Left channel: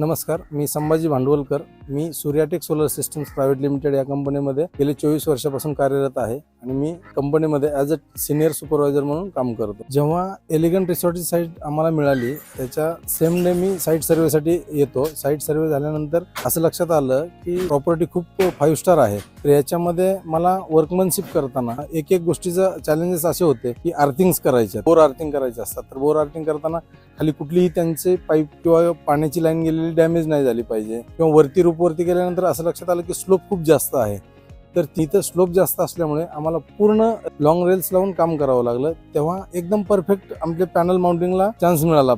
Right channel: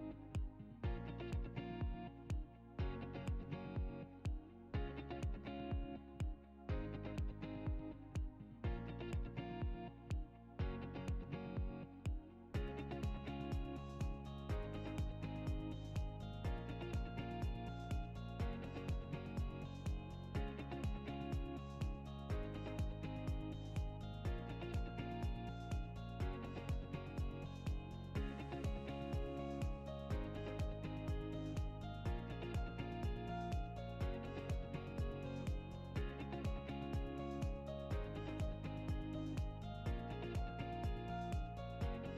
नमस्कार, मी संभाजी भांडवलकर. मी सूर्याटेक solar systems private limited या कंपनीमध्ये गेले 24 वर्षापासून कार्यरत आहे आणि मी कंपनीमध्ये ॲज अ सिनियर सुपरवायझर म्हणून काम करतो. जेव्हा एलिगंट रिसॉर्टची साईट आम्हाला मिळाली त्याच्या सेम डे मी साईट सर्वेसाठी येतो. साईट सर्वे झाल्यानंतर असं लक्षात आलं की प्रॉपर्टी खूप 5 स्टार आहे. तर याच्यामध्ये मला वर्कमनशिप करताना एक गोष्टीचं चॅलेंजेस असे होते की अर्थिंग्स करायचे, बोर अर्थिंग करायचे असतात. तर बोर अर्थिंग करताना खाली कुठलीही त्यांचे पाईप किंवा पाण्याची लाईन गेलेली डॅमेज नाही झाली पाहिजे किंवा वरती गेल्यानंतर असं लक्षात आलं की स्लोप खूप जास्त आहे. तर तिथं स्लोप जास्त असल्यामुळे आम्हाला पूर्ण लॉंग रेल्स लावून काम करावं लागलं. तेव्हा एकदम परफेक्ट आमच्या पॅनल माउंटिंगला चान्स मिळाला.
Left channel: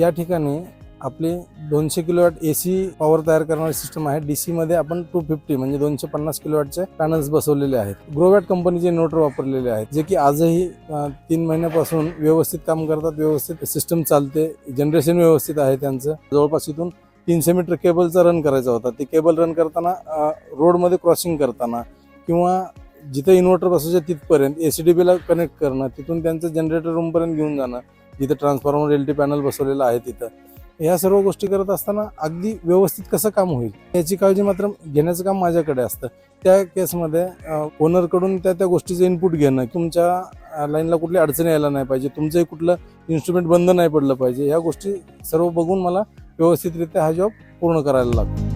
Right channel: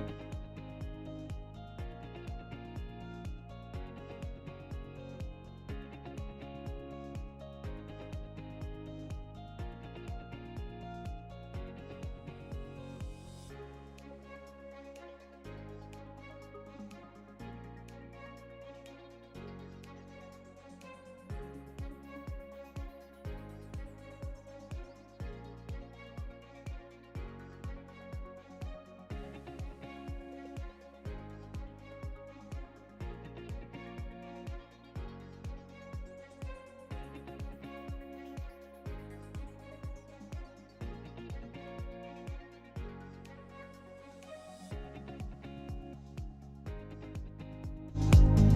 या ठिकाणी आपली 200 किलोवॅट AC पॉवर तयार करणारी सिस्टम आहे. DC मध्ये आपण 250 म्हणजे 250 किलोवॅटचे पॅनल्स बसवलेले आहेत. ग्रोवॅट कंपनीचे इन्व्हर्टर वापरलेले आहेत, जे की आजही 3 महिन्यापासून व्यवस्थित काम करतात. व्यवस्थित सिस्टम चालते, जनरेशन व्यवस्थित आहे त्यांचं. जवळपास इथून 300 मीटर केबलचा रन करायचा होता. ते केबल रन करताना रोडमध्ये क्रॉसिंग करताना किंवा जिथं इन्व्हर्टर बसायचं तिथपर्यंत ACDBला कनेक्ट करणं, तिथून त्यांचं जनरेटर रूमपर्यंत घेऊन जाणं, जिथं ट्रान्सफॉर्मर LT पॅनल बसवलेलं आहे तिथं. ह्या सर्व गोष्टी करत असताना अगदी व्यवस्थित कसं काम होईल याची काळजी मात्र घेण्याचं काम माझ्याकडे असतं. त्या केसमध्ये ओनरकडून त्या गोष्टीचं इनपुट घेणं, तुमच्या लाईनला कुठली अडचणी यायला नाही पाहिजे, तुमचंही कुठलं इन्स्ट्रुमेंट बंद नाही पडलं पाहिजे, ह्या गोष्टी सर्व बघून मला व्यवस्थितरित्या हा जॉब पूर्ण करायला लागतो.